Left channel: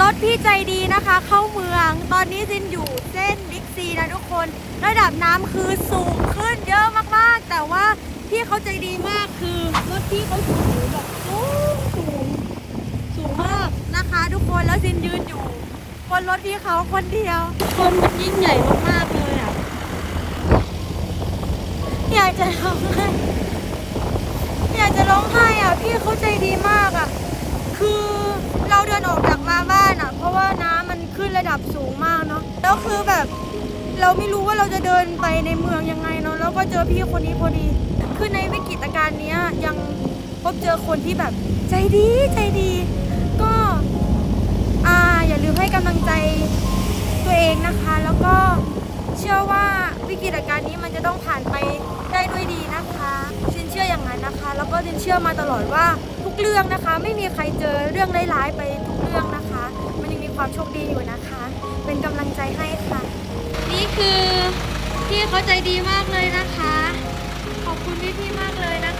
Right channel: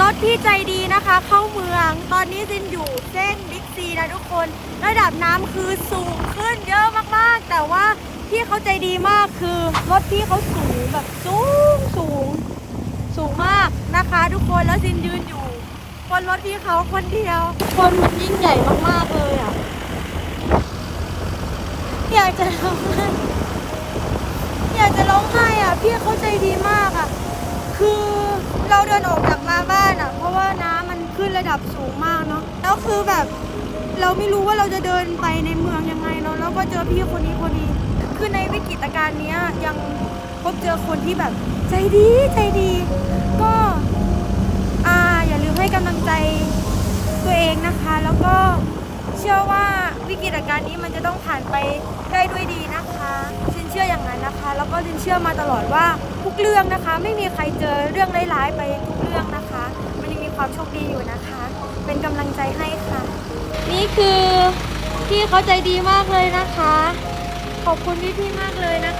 รถพี่ใจดีนะคะ เข้าเมือง ตอนนี้ซินอยู่เส้นบิ๊กซีนะทุกคน ระดับน้ำคือสูงขึ้นเยอะมากๆ แต่ว่าพี่เขาใจดีมากคือรถพี่เขาสูงแบบสูงสูงสูงมากนะคะ ทุกคนแล้วซินยืนอยู่บนรถพี่เขาคนเดียว คนมันยิ่งใหญ่มากๆเลยอะอยากจะร้องไห้อยากจะร้องไห้อะ พี่เขาใจดีมาก เราเดินออกจากมาบ้านอะ เพราะว่าน้ำมันขึ้นระดับสูงมากเนาะแล้วคือแบบ เราไม่รู้ว่าเราจะเดินไปในเมืองยังไงเนาะแล้วก็เจอพี่คนนี้พอดี คือในวิกฤตการณ์เนี้ยยังพบเจอคนที่แบบใจดีใจดี ก็อ่าอย่าลืมให้กำลังใจตัวเองนะคะ แล้วก็เชื่อว่าวิกฤตการณ์นี้มันจะต้องผ่านไปได้ด้วยดีนะคะ แล้วก็ดินเชื่อมาตลอดว่าทุกเรื่องนะคะ ไม่มีใครเจอเรื่องร้ายๆไปทุกเรื่องนะคะ มันยังมีความโชคดีอยู่นะคะ เป็นกำลังใจให้ค่ะ นี่คือพี่เขาใจดีมากเลยนะคะ ขอบคุณพี่ๆมากเลยนะคะ